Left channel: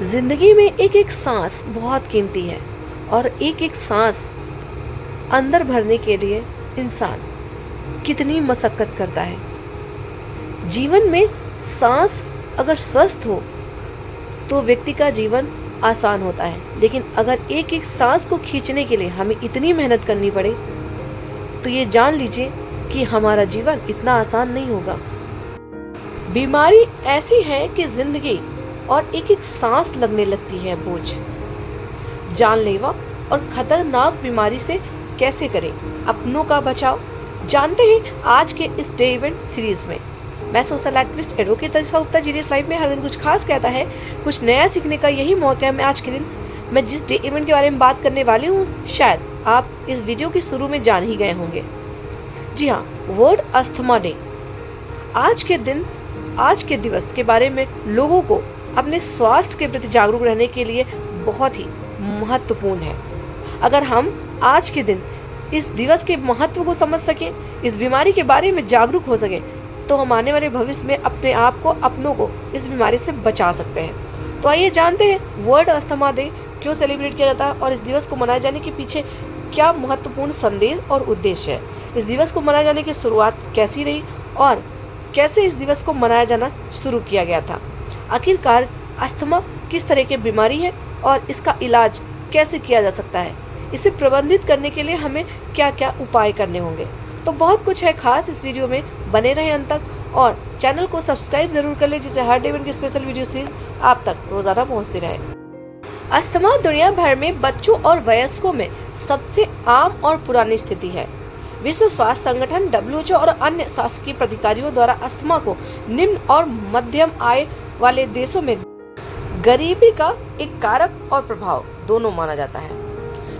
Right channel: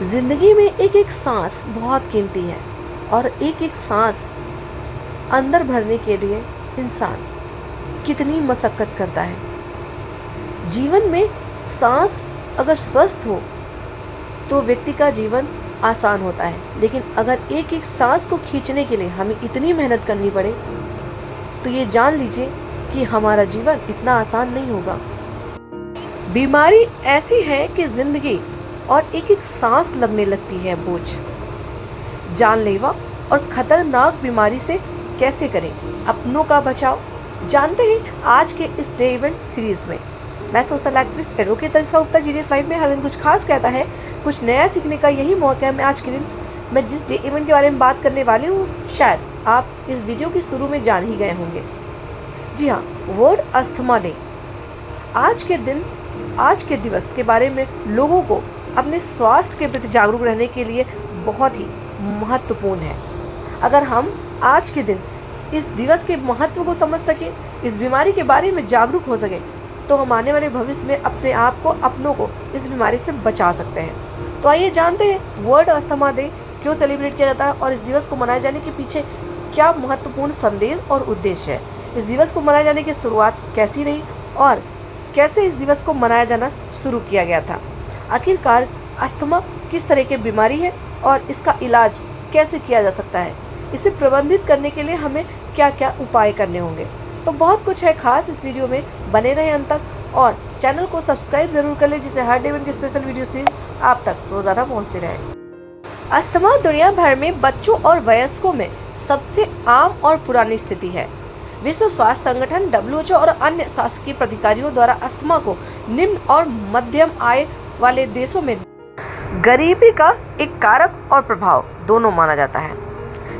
जिंदगी में एक एक सांस बहुत कीमती है और एक एक सांस अंदर भरने के लिए इंसान कितनी मशक्कत करता है। जीवन में सांस अगर स्वस्थ हो तो व्यक्ति का जीवन आसान होता है, लेकिन अगर एक एक सांस को खींचने के लिए हमें इतनी मेहनत करनी पड़े तो ये जान लीजिए कि हमारा जीवन इतना आसान नहीं होगा। बीमारी ऐसी है कि जिंदगी और एक एक सांस लगने लगती है बोझ। जानलेवा और खतरनाक बीमारी से कैसे करें अपनों का बचाव, जानते हैं आज के इस डे इवेंट सीरीज में। मैं social activist advocate Tanishka Gupta GDS live में हर दिन कुछ खास कहता है, कुछ नया सीखने का यही मौका है। मैं आज के दिन मैं जिस डे इवेंट के बारे में बात करने वाली हूँ, शायद आप इस वीडियो के शुरू में जान ही गए होंगे। जी हाँ, वर्ल्ड अस्थमा डे। आज के दिवस के बारे में लोगों को अपने स्वास्थ्य के प्रति जागरूक रहने के लिए बहुत ही महत्वपूर्ण है। अगर हम आज के दिन इस दिवस के महत्व को समझ सकें, इस बीमारी के बारे में जागरूक हो सके, तो हम आने वाले भविष्य में अपने आप को, अपनों को इस बीमारी से बचा सकते हैं। तो आइए जानते हैं वर्ल्ड अस्थमा डे क्यों सेलिब्रेट किया जाता है और इस दिवस को मनाए जाने के पीछे क्या महत्वपूर्ण संदेश और उद्देश्य है। इस दिवस को मनाए जाने की शुरुआत कैसी रही और कैसे इस दिवस को मनाया जाना शुरू किया गया था। आखिरकार अस्थमा किस तरह की बीमारी है और इसका इलाज कैसे किया जा सकता है, इसे प्रबंधित करने के लिए हमें क्या क्या उपाय करने होंगे। तो बहुत कुछ है खास इस वीडियो में, बने रहें अंत तक और चैनल को सब्सक्राइब जरूर कर लें, जिससे हर डे इवेंट की स्पेशल वीडियो सीरीज आप तक रोजाना पहुंचती रहे। अस्थमा दुनिया भर में बच्चों और वयस्कों में सबसे आम और पुरानी स्थिति है। विश्व स्वास्थ्य संगठन WHO और अन्य शासकीय प्राधिकारियों द्वारा अस्थमा को निम्न और मध्यम आय वाले देशों में गरीबी का एक कारक और प्रभाव दोनों माना जाता है,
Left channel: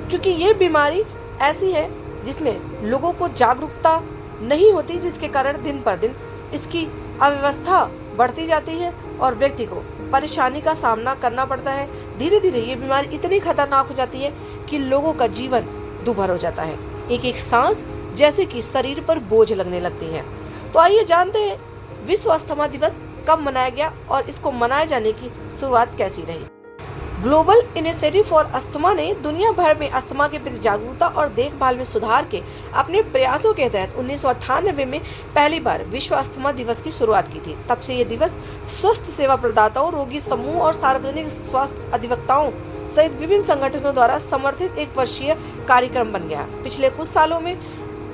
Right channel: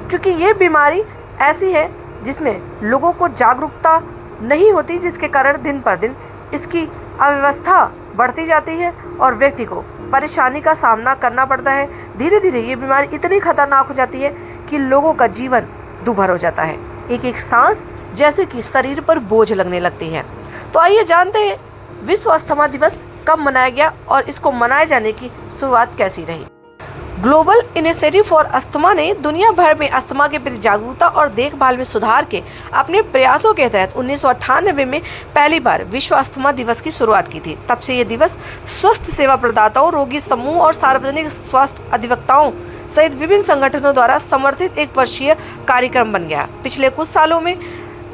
क्योंकि ये बीमारी ऐसी है जिसमें लोगों को जागरूकता नहीं होती, जिसके कारण दिन पर दिन इसकी अव्यवस्था बढ़ती जाती है और व्यक्ति को परेशानी का सामना करना पड़ता है। धीरे धीरे ये बीमारी इतनी खतरनाक हो जाती है कि लोगों का जीवन दूभर हो जाता है। एक एक सांस जैसे कि शरीर पर बोझ लगने लगती है। तो आइए जानते हैं विश्व अस्थमा दिवस कब मनाया गया और इसको मनाए जाने की शुरुआत कैसी रही। ग्लोबल इनिशिएटिव फॉर अस्थमा ने दुनिया भर में अस्थमा के प्रति जागरूकता और देखभाल में सुधार के अपने प्रयासों के तहत 1998 में पहली बार विश्व अस्थमा दिवस की शुरुआत की थी। तब से ये दिवस स्वस्थ सेवा प्रदाताओं, रोगी समूह और सार्वजनिक स्वास्थ्य अधिवक्ताओं सहित विभिन्न संगठनों द्वारा समर्थित एक वर्षीय कार्यक्रम बन गया। पिछले कुछ सालों में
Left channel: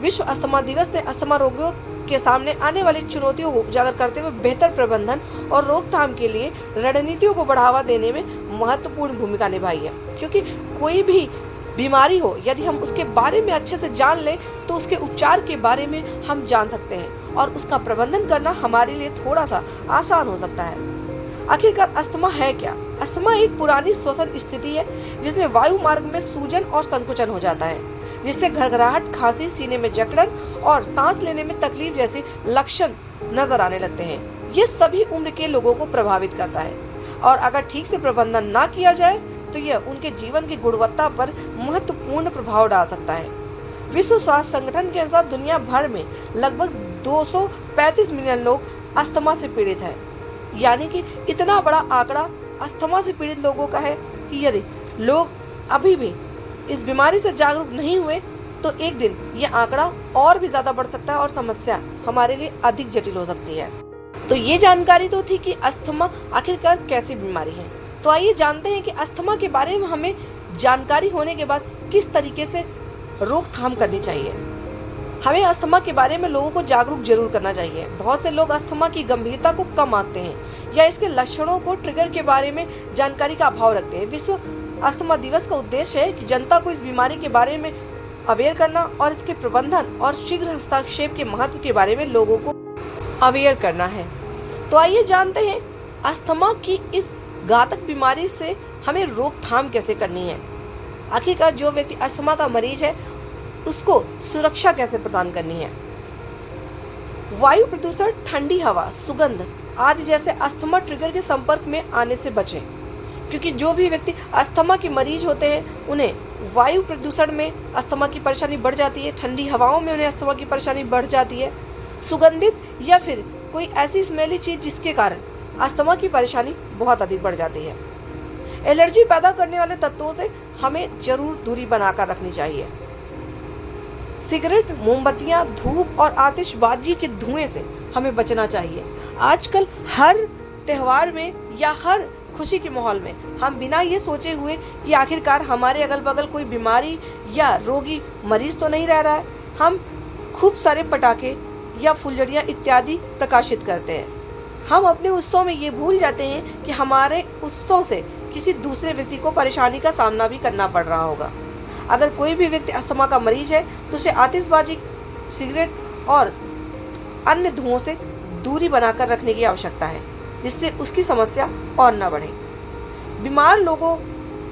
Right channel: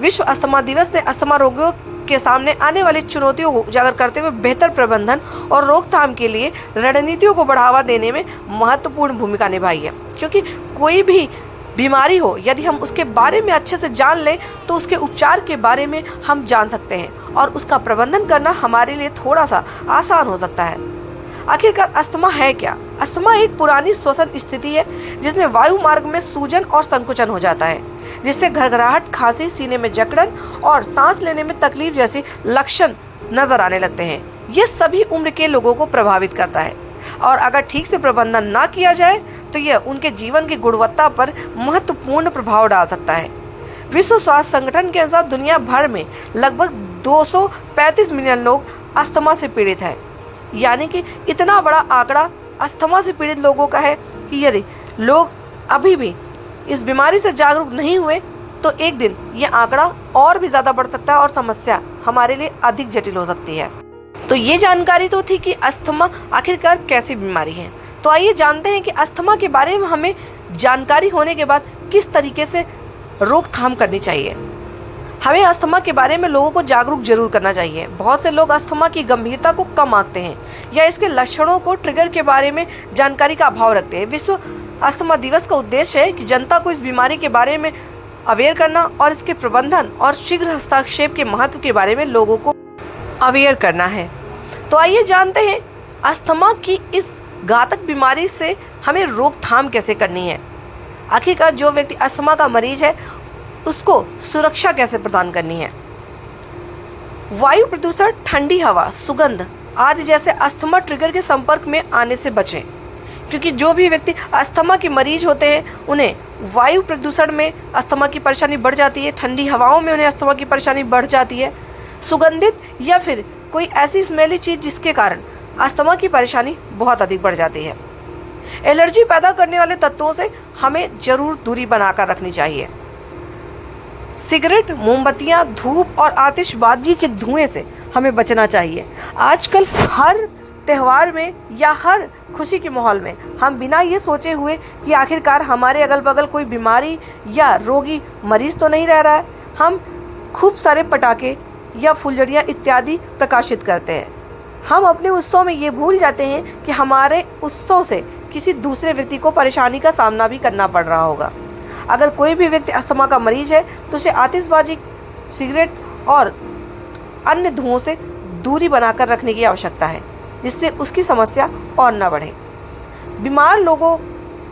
विश्व अस्थमा दिवस ने अस्थमा रोगियों के सामने आने वाली चुनौतियों को उजागर करते हुए बेहतर प्रबंधन और रोकथाम के लिए रणनीतियों को बढ़ावा देने में महत्वपूर्ण भूमिका निभाई है। क्योंकि कोई भी बीमारी हो, यदि हम उसके बारे में अच्छे से जान लें तो उसके उपचार के बारे में हम जान सकते हैं और उसका प्रबंधन करना हमारे लिए थोड़ा सा आसान हो सकता है। आखिरकार अस्थमा है क्या? अस्थमा एक पुरानी श्वसन स्थिति है जिसमें वायु मार्ग में सूजन और संकुचन हो जाता है, जिससे घरघराहट, खांसी, सीने में जकड़न और सांस लेने में तकलीफ जैसे लक्षण नजर आने लगते हैं। ये सभी उम्र के लोगों को प्रभावित करता है और अगर ठीक से प्रबंधन ना किया जाए तो यह उनके जीवन की गुणवत्ता पर महत्वपूर्ण प्रभाव डाल सकता है। विश्व स्वास्थ्य संगठन के अनुसार दुनिया भर में लगभग 235 मिलियन लोग अस्थमा से पीड़ित हैं। यानी कि इतना बड़ा आंकड़ा अस्थमा से पीड़ित लोगों का है कि यदि लोग अभी भी इस बीमारी से जागरूक नहीं हुए तो एक दिन ये आंकड़ा और भी ज्यादा बढ़ सकता है और समस्या हमारे लिए अधिक जटिल हो सकती है। तो ये जानकारी तो थी कि अस्थमा आखिरकार कैसी बीमारी है। तो आइए जानते हैं कि अस्थमा के बारे में हमें जानकारी होने के बाद किस तरीके से रोकथाम करनी चाहिए। हमें अस्थमा के बारे में लोगों को जागरूक जरूर करना चाहिए। बहुत से लोग अस्थमा की गंभीरता को कम आंकते हैं या इसके लक्षणों को, ट्रिगर के बारे में जानकारी का अभाव रखते हैं। विश्व अस्थमा दिवस का उद्देश्य है कि जनता को इस बीमारी के बारे में अवेयर करना और इसके प्रबंधन और शीघ्र हस्तक्षेप के महत्व के बारे में लोगों को अवेयर करना है। तो आइए जानते हैं अस्थमा की इस घातक बीमारी से हमें रोकथाम कैसे करनी है। आखिरकार जो व्यक्ति अस्थमा का मरीज है उसको सुरक्षा कैसे प्रदान करनी है। वायु प्रदूषण, ठंडी हवा, सुगंध आदि जैसे अस्थमा ट्रिगर के संपर्क में आने से बचें, क्योंकि जो भी व्यक्ति अस्थमा के मरीज होते हैं उन्हें वायु प्रदूषण में अस्थमा की परेशानी बढ़ जाती है, ठंडी हवाओं में उन्हें अस्थमा की परेशानी बढ़ जाती है, सुगंधित या फिर कोई ऐसी स्मेली चीज जिसके कारण अस्थमा की परेशानी बहुत अधिक बढ़ जाती है। एलर्जी पैदा करने वाले तत्वों से हमें जरूर दूरी बनाकर रखनी चाहिए। सिगरेट, मोमबत्तियां, धूप और आतिशबाजी के धुएं से हमें बचना चाहिए। आजकल हर त्योहार में या हर खुशी के माहौल में हम बिना ये सोचे हुए कि आखिरकार हमारे अगल बगल कोई बीमारी या रोगी मरीज तो नहीं रह रहा है, हम खूब सारे पटाखे या फुलझड़ियाँ इत्यादि प्रकाशित करते हैं। हम अपने उत्सव में ये भूल जाते हैं कि हमारे उत्सव से किसी दूसरे व्यक्ति को परेशानी का सामना भी करना पड़ रहा होगा। अगर कोई भी व्यक्ति अस्थमा का मरीज है तो उसे आतिशबाजी, सिगरेट और अन्य धुओं से दूरी बनाकर रखने की आवश्यकता है, जिससे उसकी समस्या और न बढ़े। बीमार लोगों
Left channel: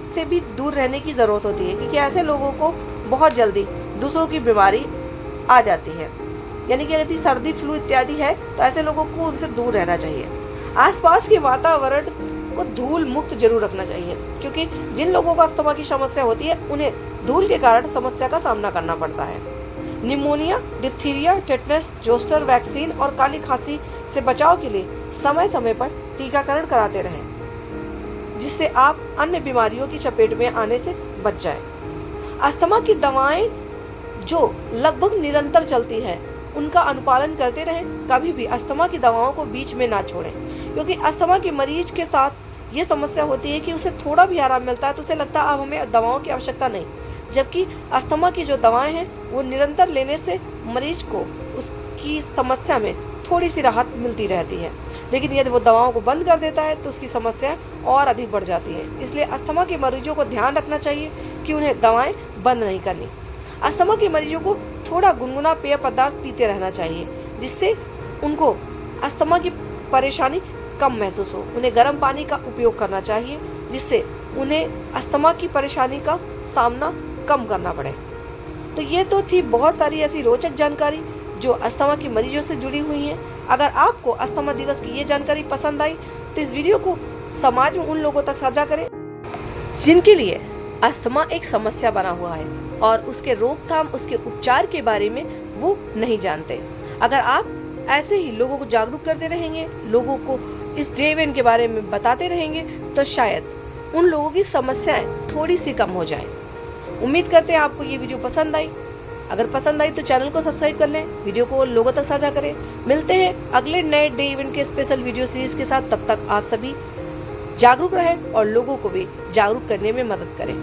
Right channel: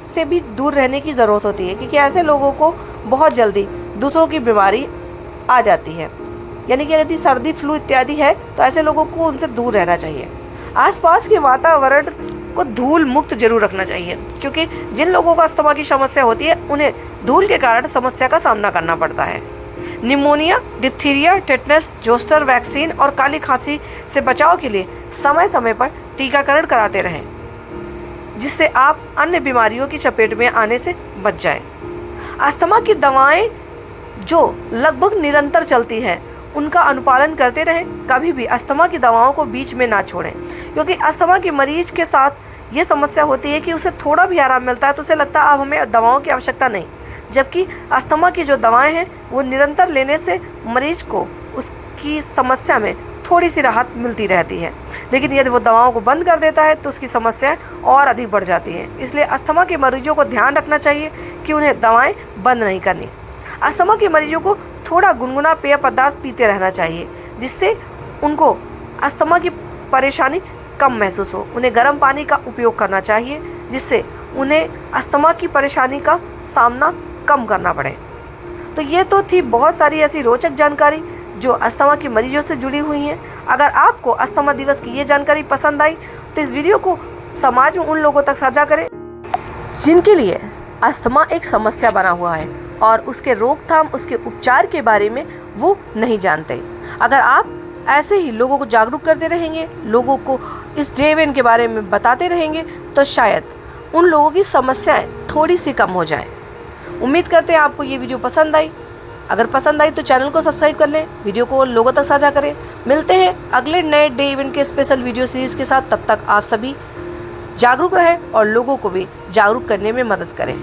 से भी दूर रहने की ज़रूरत होती है, क्योंकि ऐसे लोगों को बहुत जल्दी दूसरों की बीमारी आ जाती है। यानी कि यदि सर्दी, फ्लू इत्यादि है तो ऐसे लोगों को उनसे दूर रहना चाहिए। आसपास के वातावरण को धूल मुक्त जरूर रखना चाहिए, क्योंकि जिन लोगों को अस्थमा की समस्या होती है उन्हें धूल के कारण समस्या का सामना करना पड़ता है। Pneumonia, diphtheria, tetanus, zoster vaccine और काली खांसी से बचाव के लिए समय समय पर टीकाकरण कराते रहें, जिससे आप अन्य बीमारियों की चपेट में आने से बच जाएं। अस्थमा की दवाएं जो लगभग निरंतर चलती हैं उनका अनुपालन करते रहें। कभी भी अस्थमा की दवाओं को बीच में ना छोड़ें, क्योंकि अस्थमा के मरीज के साथ ये समस्या होती है कि उसे थोड़ा भी आराम मिलता है तो उसे लगता है अब हमें दवाओं की आवश्यकता नहीं, जबकि अस्थमा की जो दवाएं हैं वो निरंतर लेने से मरीज को उसकी समस्या में थोड़ी सी राहत मिलती रहती है। लेकिन यदि वो दवाओं को बंद कर देता है तो उसकी समस्याएं और अधिक बढ़ जाती हैं। इसलिए अस्थमा के मरीजों को ध्यान रखना चाहिए कि उन्हें दवाएं बंद नहीं करनी। अस्थमा के मरीजों को थोड़ा गुनगुना पेय पदार्थ पीते रहना चाहिए, जिससे उनको अस्थमा की परेशानी कम महसूस हो। उन्हें गर्म पानी का उपयोग करना चाहिए, जिससे उन्हें अस्थमा की परेशानी का सामना कम करना पड़े। तो ये तो थी बहुत सारी ऐसी रोचक जानकारी जो अस्थमा के मरीजों से जुड़ी हुई हैं। अगर आपको अस्थमा दिवस की ये जानकारी पसंद आई तो इस वीडियो को समाज में उन लोगों तक साझा करें जिनके लिए अस्थमा एक समस्या बना हुआ है और उसके रोकथाम, उसके उपचार के बारे में वो नहीं जानते। अगर आप ऐसे ही लोगों को जागरूक करते रहेंगे, लोगों को इस डे इवेंट के बारे में बताते रहेंगे, तो शायद उन लोगों की समस्याएं थोड़ी सी कम हो जाएं। उम्मीद करते हैं आपको ये वीडियो पसंद आई। अगर पसंद आई तो चैनल को सब्सक्राइब कर लें, वीडियो को लोगों तक साझा करें। मिलते हैं अगले नए डे इवेंट के स्पेशल वीडियो सीरीज के साथ। तब तक आप सभी जागरूक रहें और लोगों को भी जागरूक करने में मदद करें।